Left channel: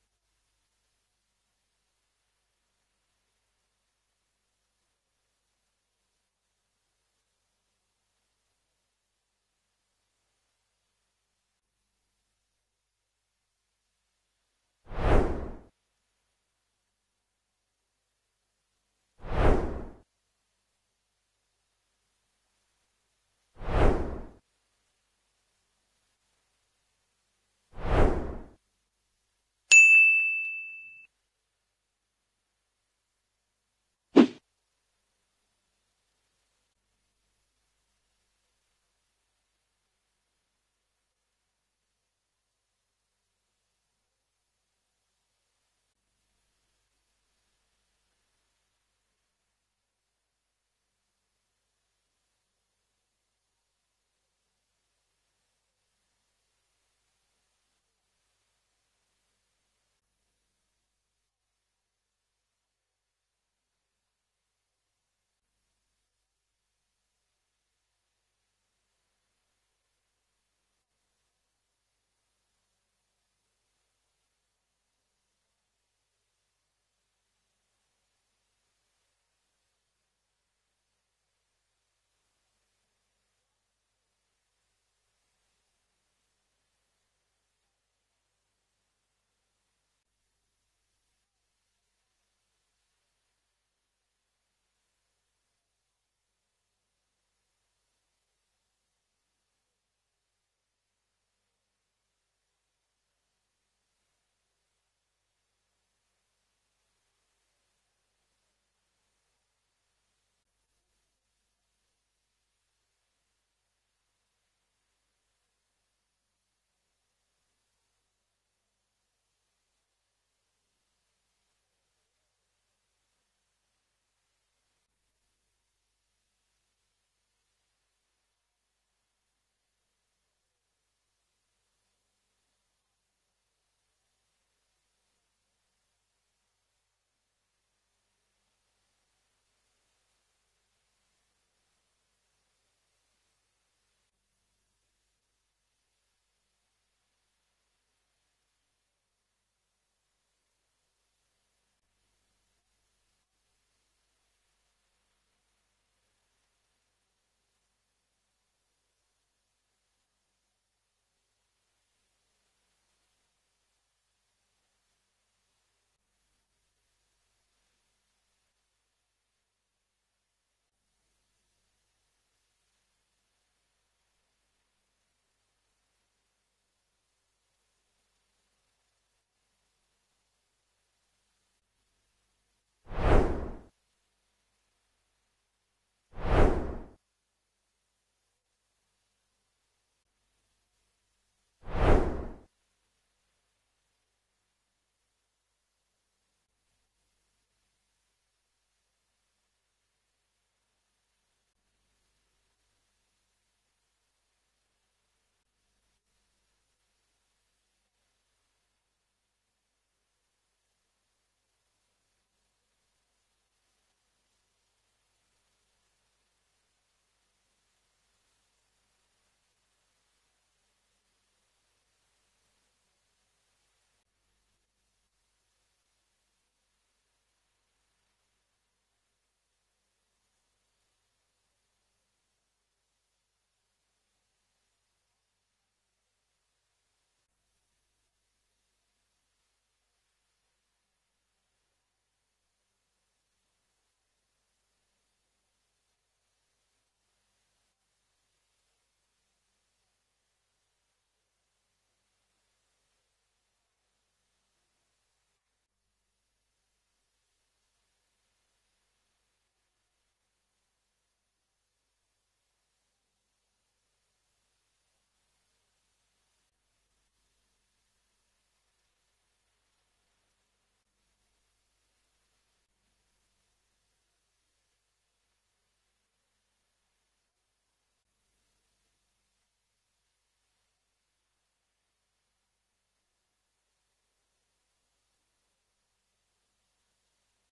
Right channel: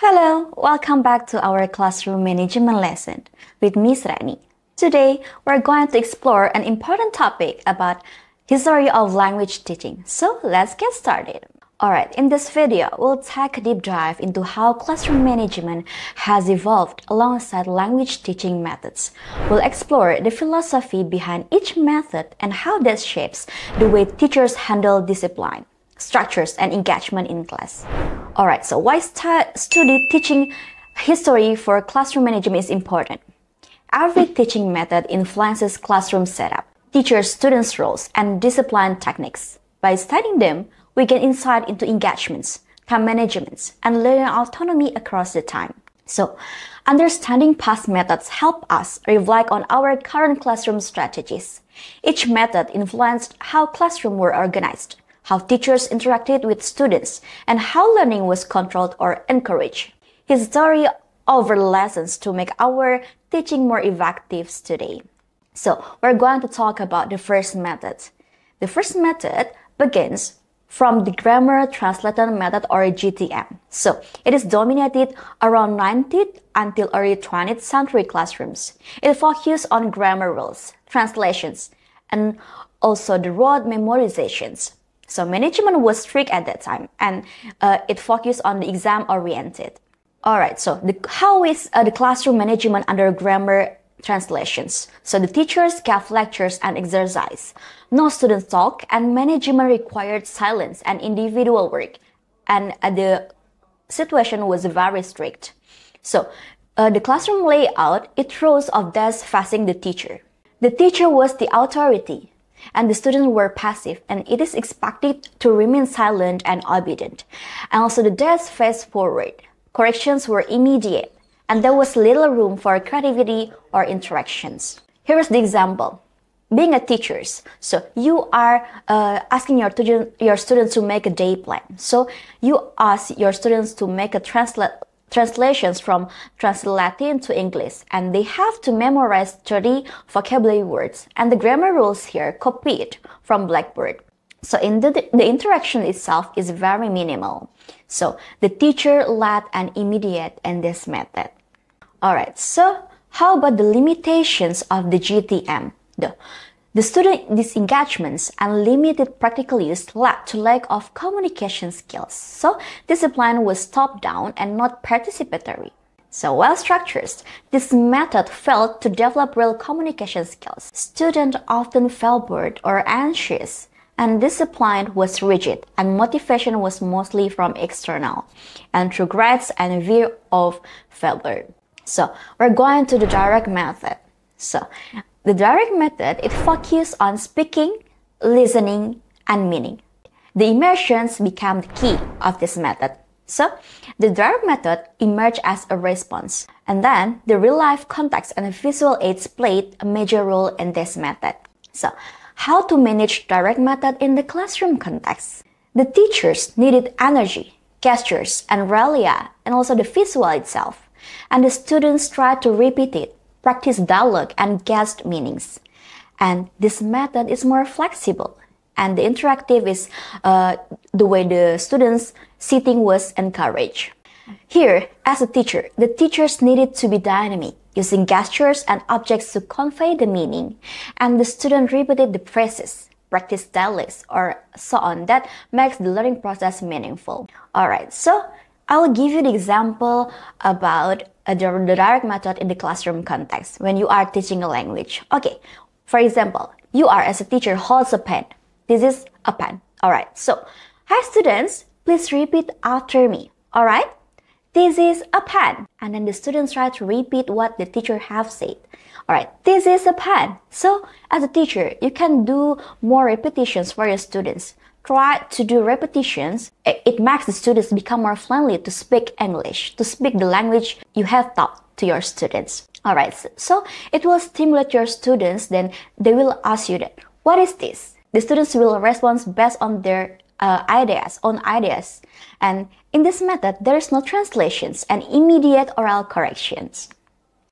Hello, welcome back to our classroom management lesson with Miss Rani. Today, we're going to explore an important topic about history of language teaching. So let's get started. Alright, in this video, we'll take a deep dive into how classroom management has evolved alongside language teaching methods. We'll explore the philosophy behind each method and how that shapes the way teachers handle discipline, structures, and engagement in class. Alright, so why study teaching history for classroom management is important? Every teaching method influences classroom setup, teachers' students' roles, and discipline techniques. By studying them, we gain insight into engagements, time management, and learning autonomy across the time. So, understanding past methods help us reflect on our current classroom strategies. Each method influenced how classrooms were organized, how teachers interacted with students, and how learning was controlled or encouraged. History over lessons to make our teaching more effective today. So, we're going to talk about the first method. The first method begins from the grammar translation method or GTM. So, it is dominated around 19th until early 20th century classrooms. It focused on grammar rules, translations, and also the rote memorizations. So, management was strict at that time, and it focused on the exam-oriented. Alright, so how is the classroom management under grammar translations? So, the teachers gave lectures and exercise. No students talk, and management required silence and individual work. And the situation was very strict. So, the classroom layout, it rows of desks facing the teacher. The teacher was the authority, and the students were passive, and it is expected to remain silent and obedient. And also the desks faced forward. Corrections were immediate, and there was little room for creativity or interactions. Here is the example. Being a teacher, so you are asking your students to make a day plan. So you ask your students to make a translations from Latin to English, and they have to memorize 30 vocabulary words, and the grammar rules here copied from Blackboard. So in the interaction itself is very minimal. So the teacher led and immediate in this method. Alright, so how about the limitations of the GTM? The student disengagements and limited practical use led to lack of communication skills. So discipline was top-down and not participatory. So well structured, this method failed to develop real communication skills. Students often felt bored or anxious, and discipline was rigid, and motivation was mostly from external, and through grades and fear of failure. So we're going to the direct method. So the direct method, it focuses on speaking, listening, and meaning. The immersions become the key of this method. So the direct method emerged as a response, and then the real-life context and visual aids played a major role in this method. So how to manage direct method in the classroom context? The teachers needed energy, gestures, and realia, and also the visual itself. And the students tried to repeat it, practice dialogue, and guess meanings. And this method is more flexible. And the interactive is the way the students' sitting was encouraged. Here, as a teacher, the teachers needed to be dynamic, using gestures and objects to convey the meaning, and the student repeated the phrases, practice dialects, or so on. That makes the learning process meaningful. Alright, so I'll give you the example about the direct method in the classroom context when you are teaching a language. Okay, for example, you are as a teacher holds a pen. This is a pen. Alright, so hi students, please repeat after me. Alright? This is a pen. And then the students try to repeat what the teacher have said. Alright, this is a pen. So, as a teacher, you can do more repetitions for your students. Try to do repetitions. It makes the students become more friendly to speak English, to speak the language you have taught to your students. Alright, so it will stimulate your students, then they will ask you that, what is this? The students will respond based on their own ideas. And in this method, there is no translations and immediate oral corrections.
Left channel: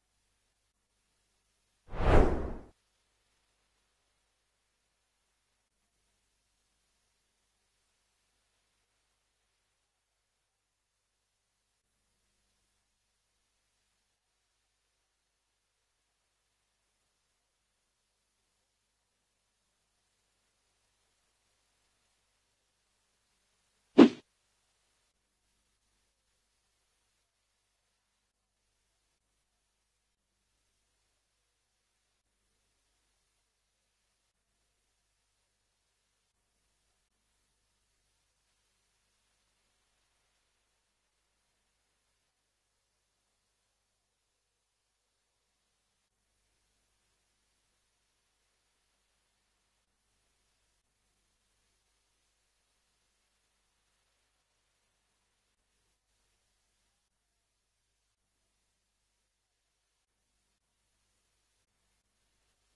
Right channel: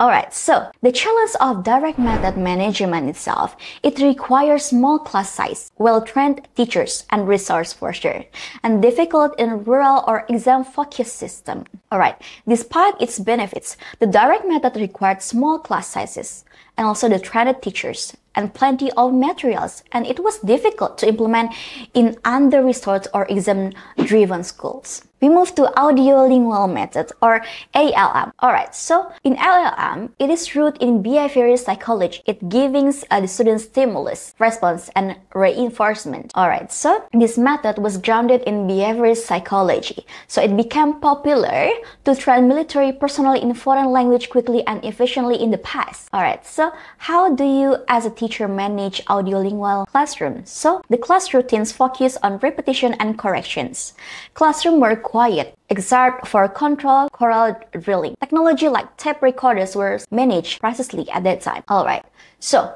Alright, so the challenge of direct method management itself, it requires small class size, well-trained teachers, and resource for sure, and difficult in rural or exam-focused system. Alright, despite its benefits, the direct method required small class sizes, and also the trained teachers, and plenty of materials, and it was difficult to implement in under-resourced or exam-driven schools. We move to audiolingual method or ALM. Alright, so in ALM, it is rooted in behavioral psychology. It gives the students stimulus, response, and reinforcement. Alright, so this method was grounded in behavioral psychology. So it became popular to train military personnel in foreign language quickly and efficiently in the past. Alright, so how do you as a teacher manage audiolingual classroom? So the class routines focus on repetition and corrections. Classroom were quiet, except for control choral drilling. Technology like tape recorders were managed precisely at that time. Alright, so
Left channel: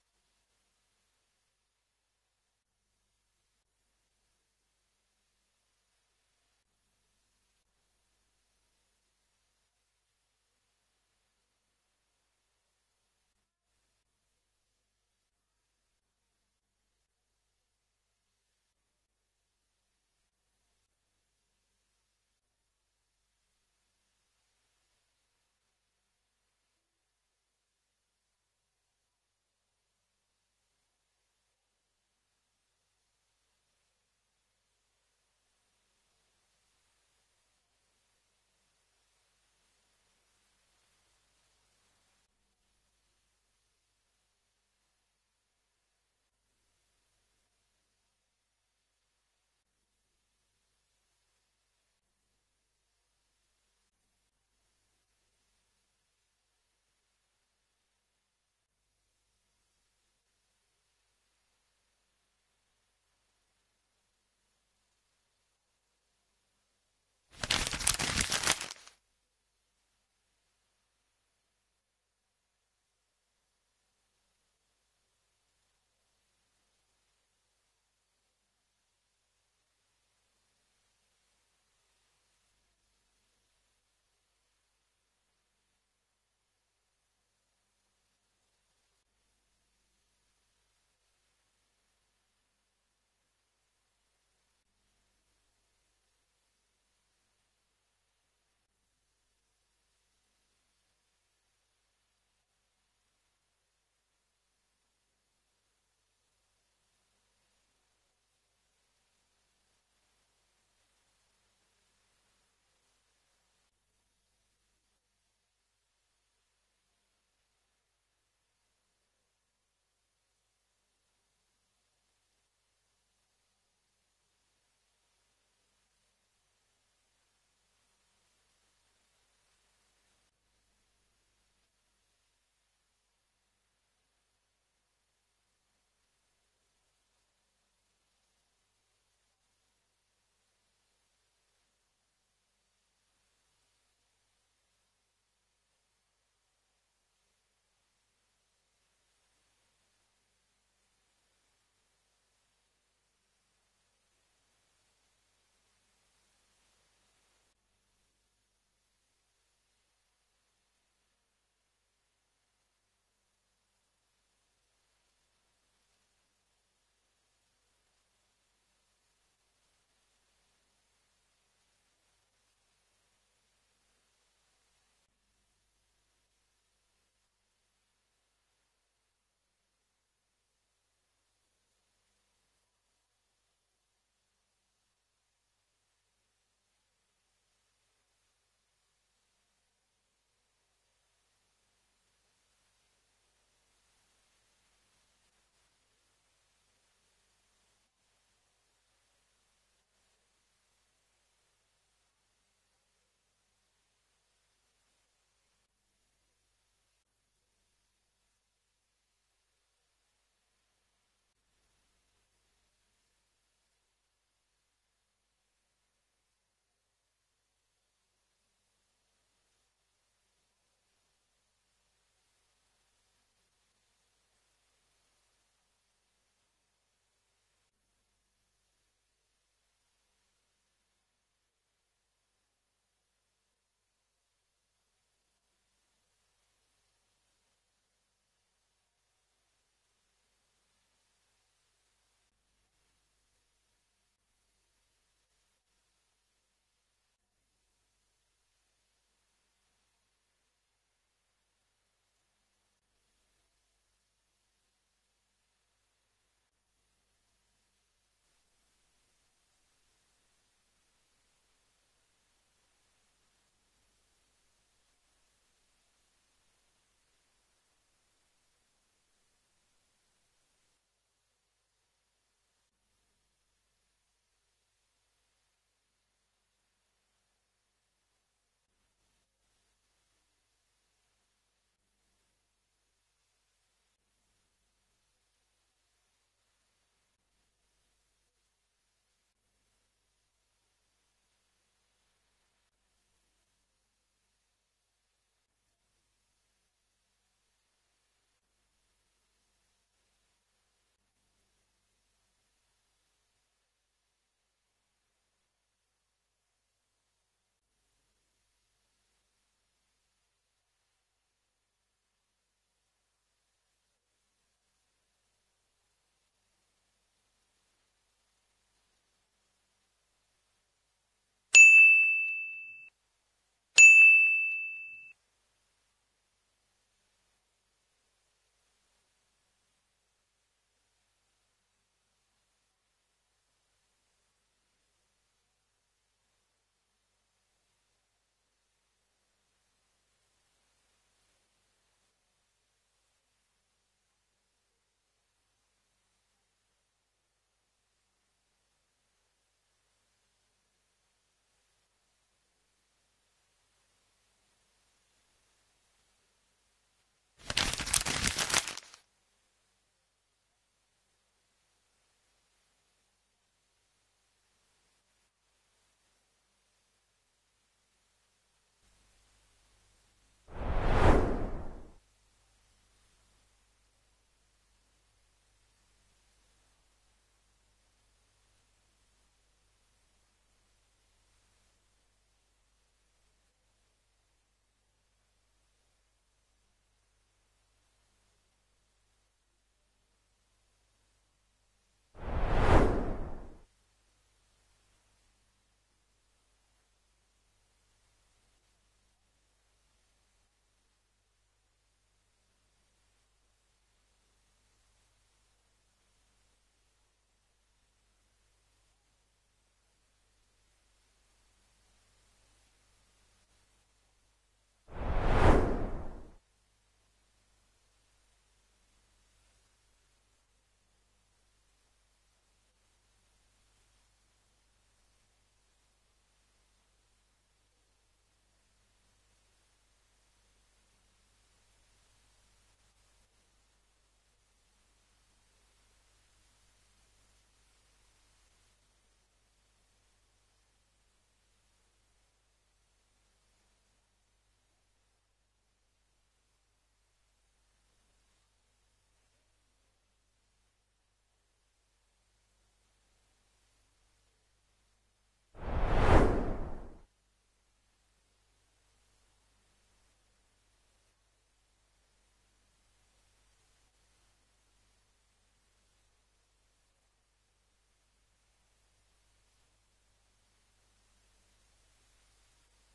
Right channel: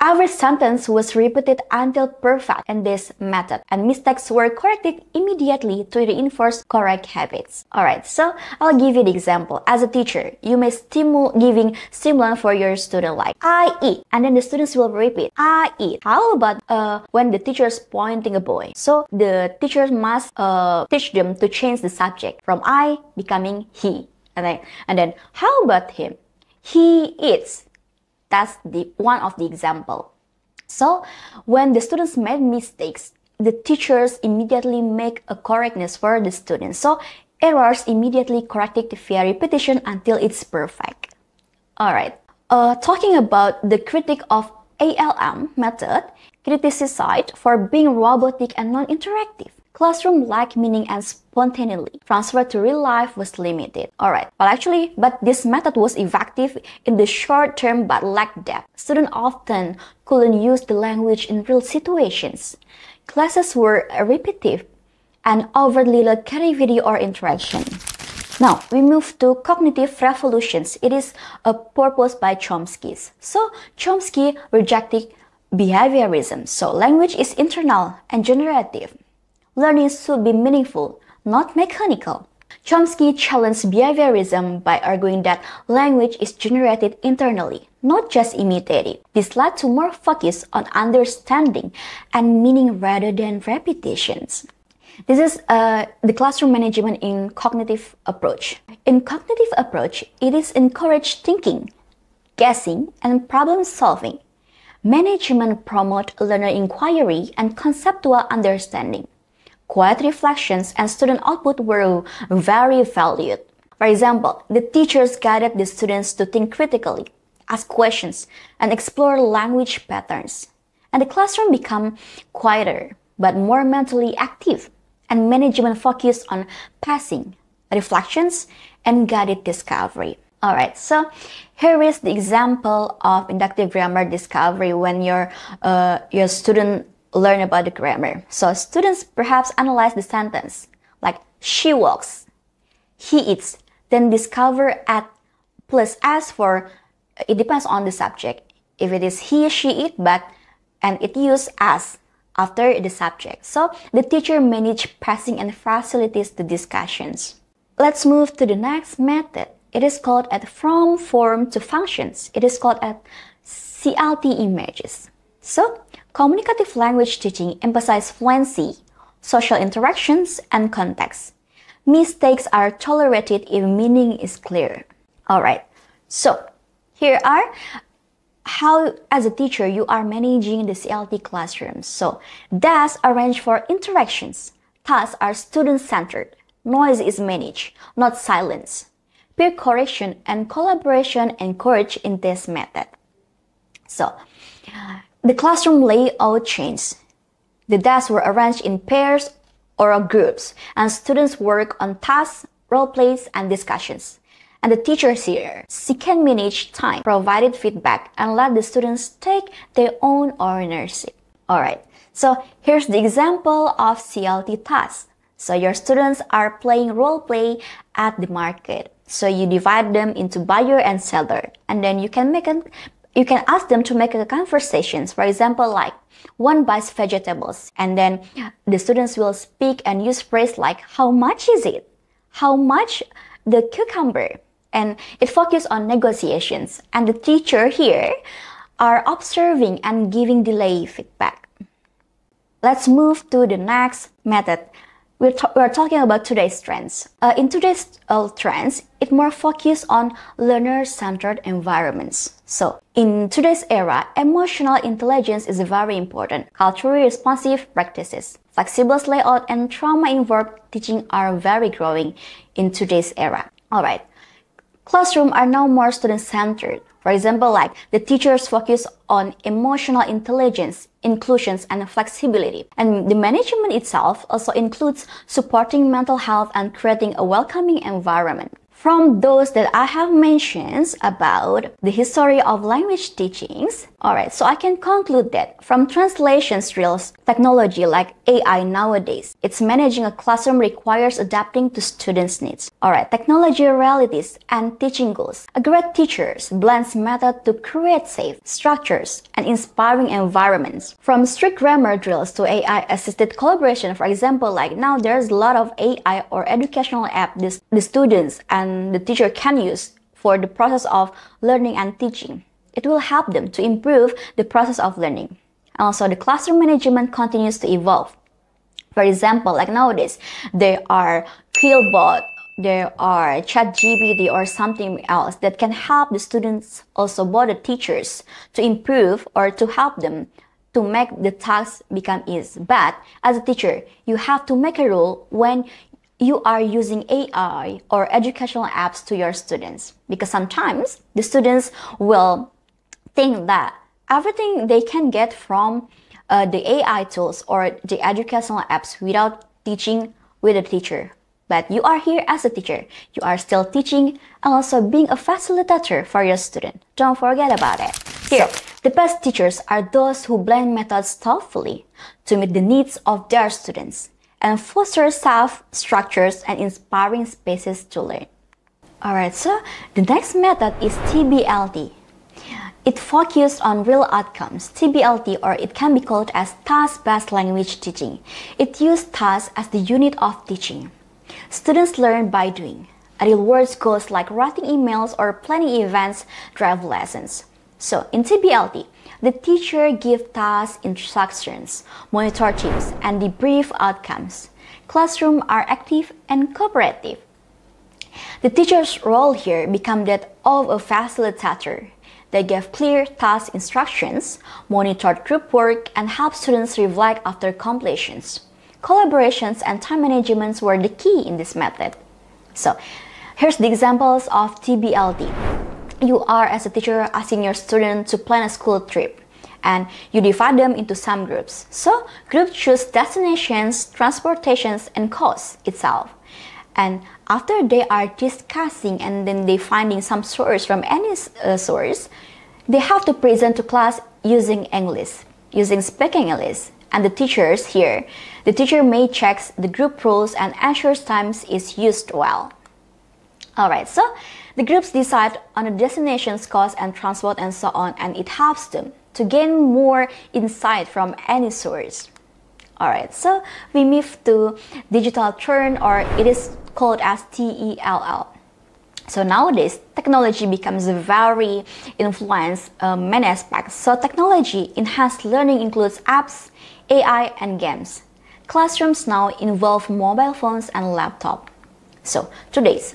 every sentence was repeated until perfect in this method, and mistakes were corrected immediately to reinforce correct habits. Alright, so I'll give you the example. As a teacher, you may giving stimulant for your student like I eat, and then the students will repeat I eat. How about when the teacher is pointing a boy? So the teacher must teach them to change the subject from I becoming he, and then how about him? He eats. That's one of the example. So when the students made mistakes, the teachers immediately make a correctness for the students. So errors immediately corrected via repetition until it's perfect. Alright, talking about the critique of ALM method, criticized for being robotic and non-interactive. Classroom lacked meaning and spontaneity. Transfer to real life was limited. Alright, but this method was effective in the short term but lacked depth. Students often couldn't use the language in real situations. Classes were repetitive and overtly lacked creativity or interaction. Now, we move to cognitive revolutions. It is a purpose by Chomsky. So, Chomsky rejected behaviorism. So, language is internal and generative. Learning should be meaningful, not mechanical. Chomsky challenged behaviorism by arguing that language is generated internally, not just imitated. This led to more focus on understanding and meaning rather than repetitions. This is the classroom management in cognitive approach. In cognitive approach, it is encouraged thinking, guessing, and problem solving. Management promote learner inquiry and conceptual understanding. Quiet reflections and student output were very valued. For example, the teachers guided the students to think critically, ask questions, and explore language patterns. And the classroom became quieter, but more mentally active, and management focused on passing, reflections, and guided discovery. Alright, so here is the example of inductive grammar discovery when your student learn about the grammar. So students perhaps analyze the sentence like she walks, he eats, then discover at plus s for it depends on the subject. If it is he, she, it, and it use as after the subject. So the teacher manage passing and facilitates the discussions. Let's move to the next method. It is called at from form to functions. It is called at CLT images. So communicative language teaching emphasizes fluency, social interactions, and context. Mistakes are tolerated if meaning is clear. Alright, so here are how as a teacher you are managing the CLT classroom. So desks arranged for interactions. Tasks are student-centered. Noise is managed, not silence. Peer correction and collaboration encouraged in this method. So the classroom layout changed. The desks were arranged in pairs or groups, and students work on tasks, role plays, and discussions. And the teachers here, she can manage time, provided feedback, and let the students take their own ownership. Alright, so here's the example of CLT tasks. So your students are playing role play at the market. So you divide them into buyer and seller, and then you can ask them to make a conversations. For example, like one buys vegetables, and then the students will speak and use phrase like how much is it? How much the cucumber? and it focuses on negotiations. And the teacher here are observing and giving delay feedback. Let's move to the next method. We're talking about today's trends. In today's trends, it more focused on learner-centered environments. So, in today's era, emotional intelligence is very important. Culturally responsive practices, flexible layout, and trauma-informed teaching are very growing in today's era. Alright, classrooms are now more student-centered. For example, like the teachers focus on emotional intelligence, inclusions, and flexibility. And the management itself also includes supporting mental health and creating a welcoming environment. From those that I have mentioned about the history of language teachings, alright, so I can conclude that from translation drills, technology like AI nowadays, it's managing a classroom requires adapting to students' needs. Alright, technology realities and teaching goals. A great teacher blends method to create safe structures and inspiring environments. From strict grammar drills to AI-assisted collaboration, for example, like now there's a lot of AI or educational app the students and the teacher can use for the process of learning and teaching. It will help them to improve the process of learning. And also, the classroom management continues to evolve. For example, like nowadays, there are Quillbot, there are ChatGPT or something else that can help the students, also both the teachers, to improve or to help them to make the tasks become easy. But as a teacher, you have to make a rule when you are using AI or educational apps to your students, because sometimes the students will think that everything they can get from the AI tools or the educational apps without teaching with a teacher. But you are here as a teacher. You are still teaching and also being a facilitator for your student. Don't forget about it. Here, the best teachers are those who blend methods thoughtfully to meet the needs of their students and foster safe structures and inspiring spaces to learn. Alright, so the next method is TBLT. It focuses on real outcomes. TBLT, or it can be called as task-based language teaching. It uses tasks as the unit of teaching. Students learn by doing. Real-world goals like writing emails or planning events drive lessons. So in TBLT, the teacher gives task instructions, monitor teams, and debrief outcomes. Classrooms are active and cooperative. The teacher's role here becomes that of a facilitator. They give clear task instructions, monitor group work, and help students reflect after completions. Collaborations and time management were the key in this method. So, here's the examples of TBLT. You are, as a teacher, asking your student to plan a school trip, and you divide them into some groups. So, groups choose destinations, transportations, and costs itself. And after they are discussing and then they finding some source from any source, they have to present to class using English, using speaking English. And the teachers here, the teacher may check the group rules and ensures times is used well. Alright, so the groups decide on the destinations, cost, and transport and so on, and it helps them to gain more insight from any source. Alright, so we move to digital turn, or it is called as TELL. So nowadays, technology becomes a very influenced many aspects. So technology enhanced learning includes apps, AI, and games. Classrooms now involve mobile phones and laptop. So today's.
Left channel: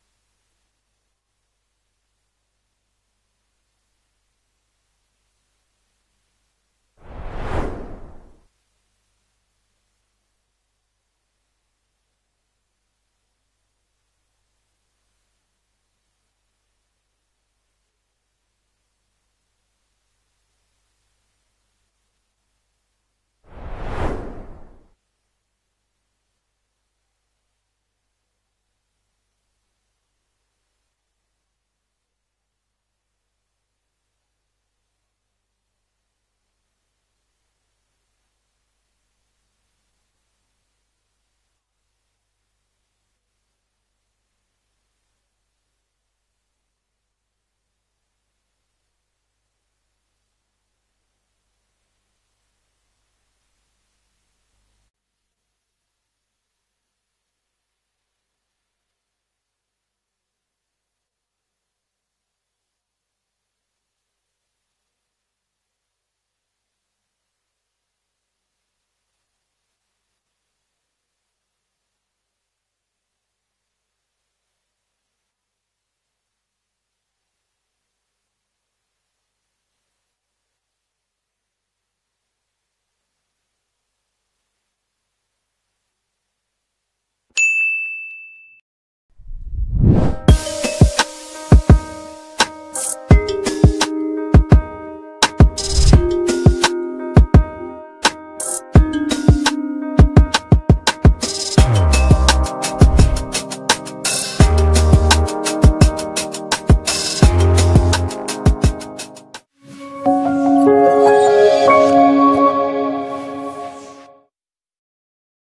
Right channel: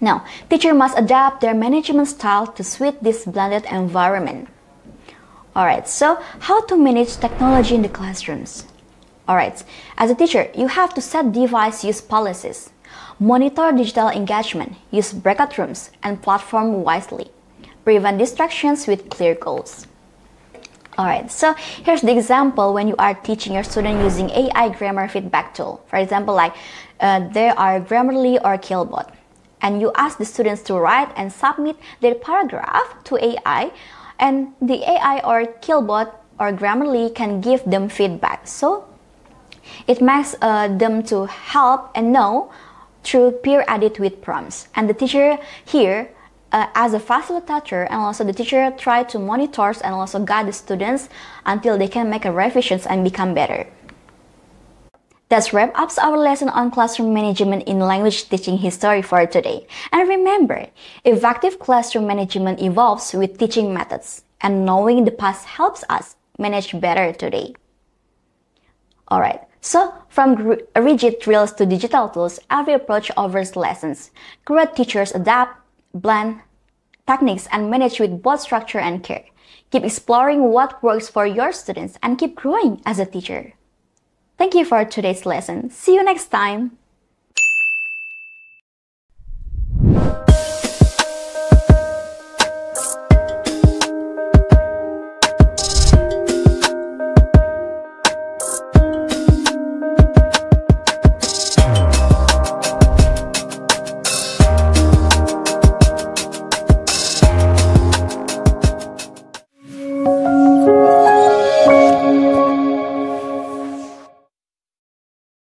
Now, teachers must adapt their management style to suit this blended environment. Alright, so how to manage technology in the classrooms? Alright, as a teacher, you have to set device use policies, monitor digital engagement, use breakout rooms, and platform wisely. Prevent distractions with clear goals. Alright, so here's the example when you are teaching your student using AI grammar feedback tool. For example, like there are Grammarly or Quillbot, and you ask the students to write and submit their paragraph to AI, and the AI or Quillbot or Grammarly can give them feedback. So it makes them to help and know through peer edit with prompts. And the teacher here, as a facilitator, and also the teacher try to monitor and also guide the students until they can make a revisions and become better. That wraps up our lesson on classroom management in language teaching history for today. And remember, effective classroom management evolves with teaching methods, and knowing the past helps us manage better today. Alright, so from rigid drills to digital tools, every approach offers lessons. Great teachers adapt, blend techniques, and manage with both structure and care. Keep exploring what works for your students and keep growing as a teacher. Thank you for today's lesson. See you next time.